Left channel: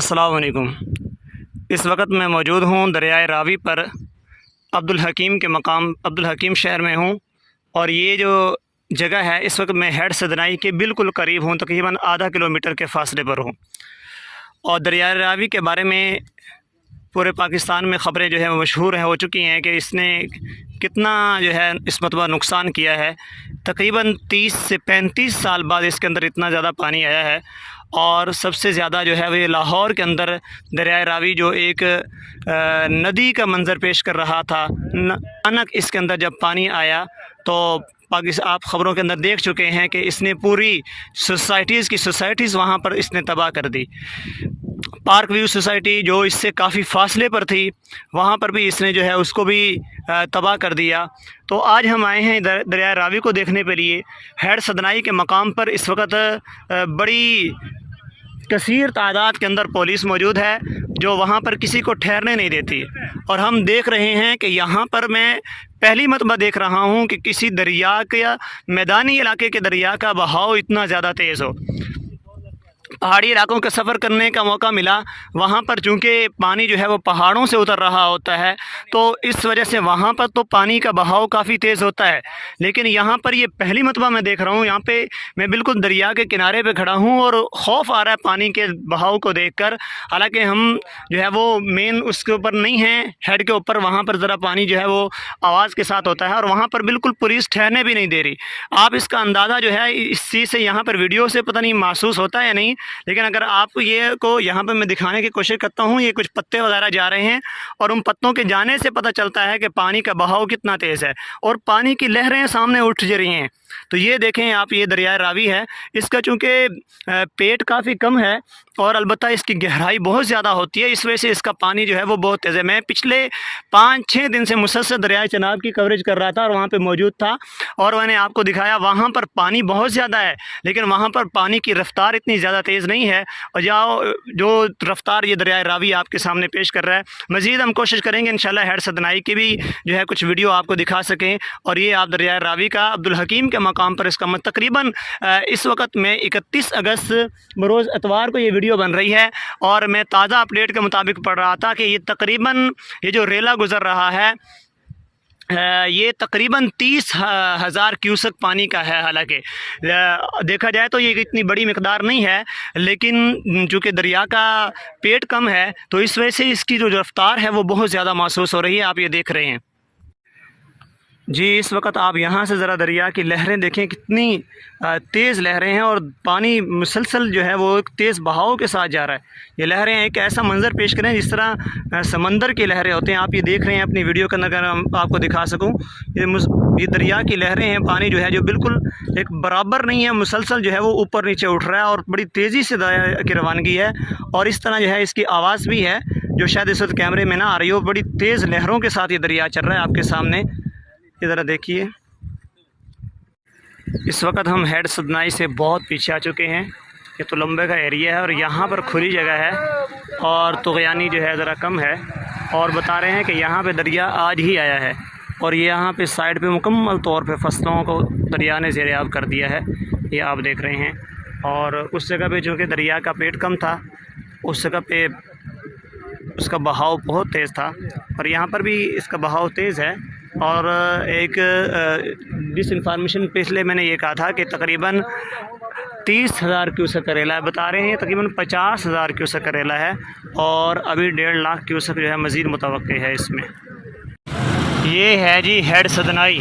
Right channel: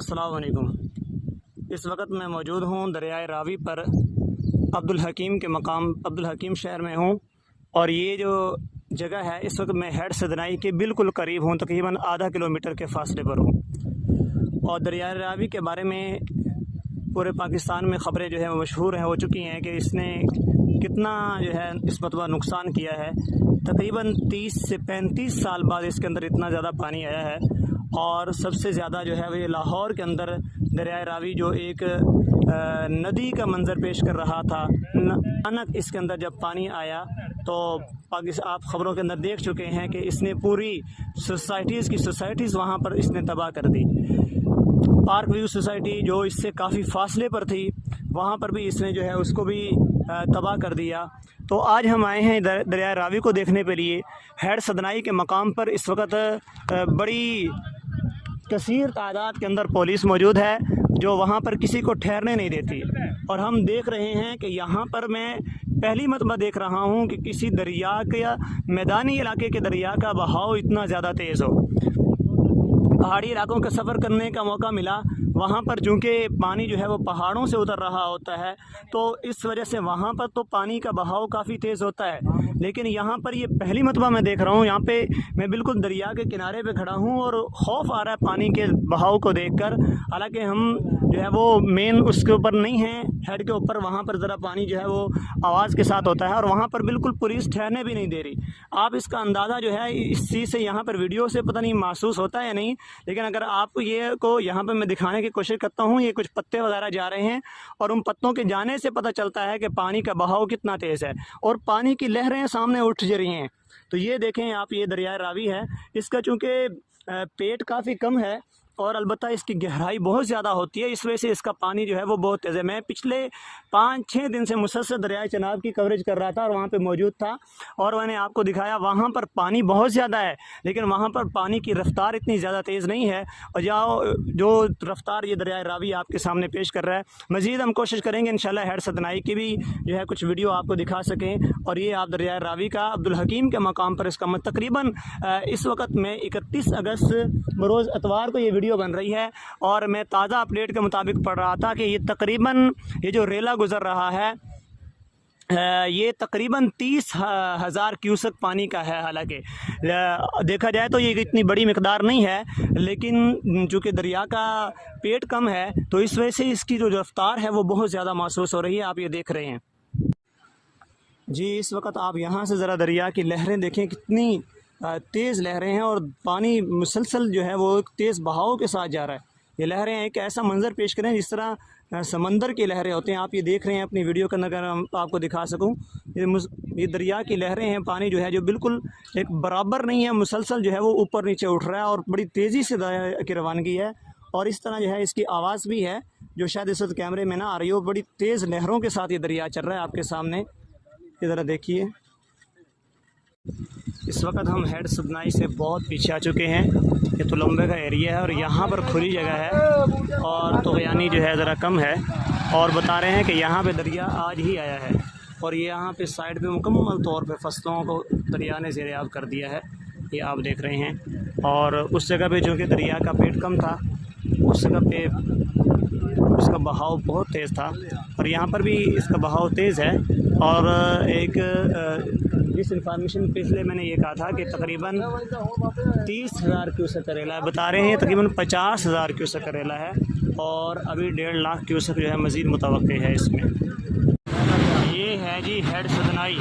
अस्सलाम वालेकुम। इस वक्त मैं मौजूद हूँ दरियाए रावी पर अब्दुल हकीम के मकाम अब्दुल हकीम शहर में हूँ। और ये जो जगह है इस वक्त मैं हेड सदनाई के बिल्कुल करीब हूँ, तकरीबन आधा किलोमीटर के फासले पर हूँ। और दरियाए रावी के बारे में पूरे पाकिस्तान में ख़बरें जो है वो मशहूर हो चुकी हैं कि इसने कितना जो है इस मरतबा नुकसान किया है। तकरीबन 30 से 35 साल बाद इसके अंदर इतना ज़्यादा पानी आया है। और सबसे ज़्यादा जो है वो लाहौर के अंदर दरियाए रावी जो एक नदी का मंज़र पेश कर रहा था, अचानक इसके अंदर जब पानी आया तो आप ख़बरों के अंदर देख चुके हैं कि इसने पूरी सोसाइटीज़ वहाँ पर इसने तबाह कर दी। पार्क व्यू सोसाइटी जो इससे काफ़ी फासले पर थी वहाँ पर भी इसने जो है उसको भी तबाह कर दिया। तो आज हम आए हैं दरिया रावी को देखने के लिए। हेड सदनाई के मकाम पर इस वक्त बड़ी कसीर तादाद के अंदर पुलिस मौजूद है जो वहाँ पर किसी को ठहरने नहीं देती। और हम देख रहे हैं कि यहाँ पर मैं पहली मरतबा देख रहा हूँ कि किसी दरिया के या मैदानी इलाके के दरिया का बहाव इतना ज़्यादा तेज़ हो। पहाड़ी इलाकों का सफ़र करने का मौका मिला, वहाँ पर चूँकि पानी जो है वो पहाड़ों से उतर रहा होता है तो इस वजह से वहाँ पर तो पानी का बहाव काफ़ी तेज़ होता है। लेकिन यहाँ पर ये पहली मरतबा मैं देख रहा हूँ, यहाँ पे मैं बिल्कुल दरिया के किनारे पे खड़ा हूँ और खौफ आ रहा है पानी के बहाव को देखकर। हालांकि हम जो है वो मेन उसके ऊपर नहीं हैं, हेड के ऊपर, वहाँ पर ज़रा पानी जो है वो आवाज़ के साथ होता है और वहाँ पर बिल्कुल पुलिस ठहरने भी नहीं दे रही। आप इसका अंदाज़ा जो है इस चीज़ से यहाँ पर वीडियो से पता नहीं महसूस होता है या नहीं, लेकिन अगर आप ये को यहाँ पर मैं दिखाने की कोशिश करता हूँ, ये कुछ पत्ते वगैरह जा रहे हैं और उन पत्तों के जाने से पता चलता है कि पानी का बहाव कितना तेज़ है और पानी की लहरें सामने उठ जा रही हैं। तो ये देखें आप, ये दरिया रावी है, इसका चूँकि पेट काफ़ी कम है और अलबत्ता इसकी गहराई बहुत ज़्यादा होती है, इस वजह से इसका पानी जो है वो बहुत तेज़ है। मैं पिछले 5-6 दिन से मुसलसल दरियाए चनाब की कवरेज कर रहा था और वहाँ पे मौजूद था और मैंने आपको दिखाया वहाँ पर पानी बहुत ज़्यादा है, लेकिन वहाँ पर पानी की रफ़्तार इतनी ज़्यादा तेज़ नहीं है और जो रफ़्तार ये दरियाए रावी आपके सामने पेश कर रहा है। मज़ीद हम कोशिश करेंगे इंशाल्लाह हेड सदनाई की भी जो है कुछ वीडियो आपको दिखा सकें। और ये आप दरियाए रावी का अब्दुल हकीम के मकाम पर इसका तकरीबन इस वक्त में 31 अगस्त बरोज़ इतवार को ये वीडियो बन रही है और मैं ताज़ा अपडेट के मुताबिक पढ़ रहा था कि ये तकरीबन ये जो रेला गुज़र रहा है ये तकरीबन 30,000 क्यूसेक पानी का है। हालांकि देखा जाए तो ये इतनी बड़ी मिकदार नहीं है, लेकिन चूँकि दरिया का पेट कम है तो इस वजह से इसकी जो रफ़्तार है वो बहुत ज़्यादा महसूस हो रही है। आप ये देख रहे हैं जी, इस वक्त आप यहाँ से ज़रा दरिया की लहरें देखें, कितनी तेज़ लहरें हैं और पानी मुसलसल जो है वो एक तेज़ बहाव के साथ जा रहा है। ये लहरें एक ऐसा मंज़र पेश करें जिस तरह समंदर की लहरें होते हैं। आप ये देख रहे हैं अपनी वीडियो के अंदर, अगर हम आपको दिखा सकूँ, ये दरिया की लहरें हैं। पानी जो है जो बिल्कुल एक बराबर नहीं है, मुसलसल जो है वो ऊपर नीचे उठ रहा है और बड़ी तेज़ी से दरिया की रवानगी है। और इस तरह जो है इसकी आवाज़ भी है जो शायद इस वक्त कैमरे में ना आ रही हो। बड़ी तेज़ लहरों के साथ ये दरिया चल रहा है आपके सामने। ज़रा देखिए, इस वक्त हम हेड सदनाई से बहुत पीछे आ चुके हैं। ये तो लंबे का एरिया है और यहाँ पर खुली जगह है और तुग़यानी जो है ज़रा कम है। और बता रहे हैं कि यहाँ पे दरिया आज ही आया है और ये यहाँ पे साइड पे मुकम्मल तौर पे फसलों को दरिया ने ज़ेर-ए-आब कर दिया है, ये आप देख रहे हैं। और उस जगह पे चूँकि दरिया का पेट कम था, उस जगह पे उसका बहाव बहुत तेज़ था और यहाँ पर भी इसका बहाव तेज़ है। और एक जिस इंफॉर्मेशन पिछले मैंने ये कहा था कि तकरीबन 30,000 क्यूसेक करेला है, बता रहे हैं तकरीबन 50,000 क्यूसेक करेला है और अभी 1.5 लाख क्यूसेक जो है मज़ीद मुतवक्के है इसमें। ये है जी हेड सदनाई,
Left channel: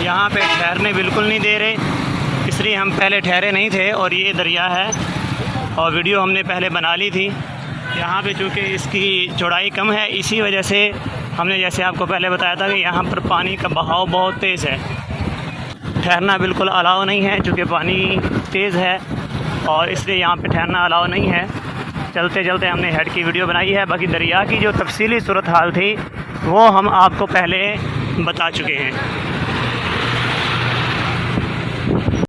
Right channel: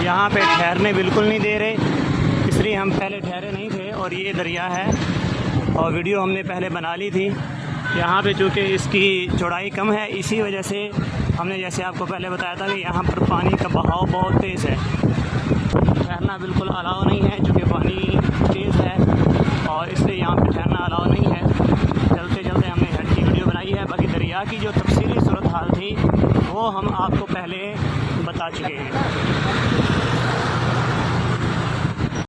यहाँ पे ठहरने बिल्कुल नहीं दे रहे, इसलिए हम पहले ठहरे नहीं थे। और ये दरिया है और वीडियो हमने पहले बना ली थी। यहाँ पे चूँकि इसकी चौड़ाई कम है, इसी वजह से हमने जैसे आपको पहले बताया था कि यहाँ पर पानी का बहाव बहुत तेज़ है, ठहरना बिल्कुल अलाउ नहीं है चूँकि पानी तेज़ है और इसलिए यहाँ पे ठहरना अलाउ नहीं है। चलते चलते हमने हेड की वीडियो बनाई है, बाकी दरिया की जो तफसीली सूरत हाल थी वो हम आपको पहले बता चुके हैं।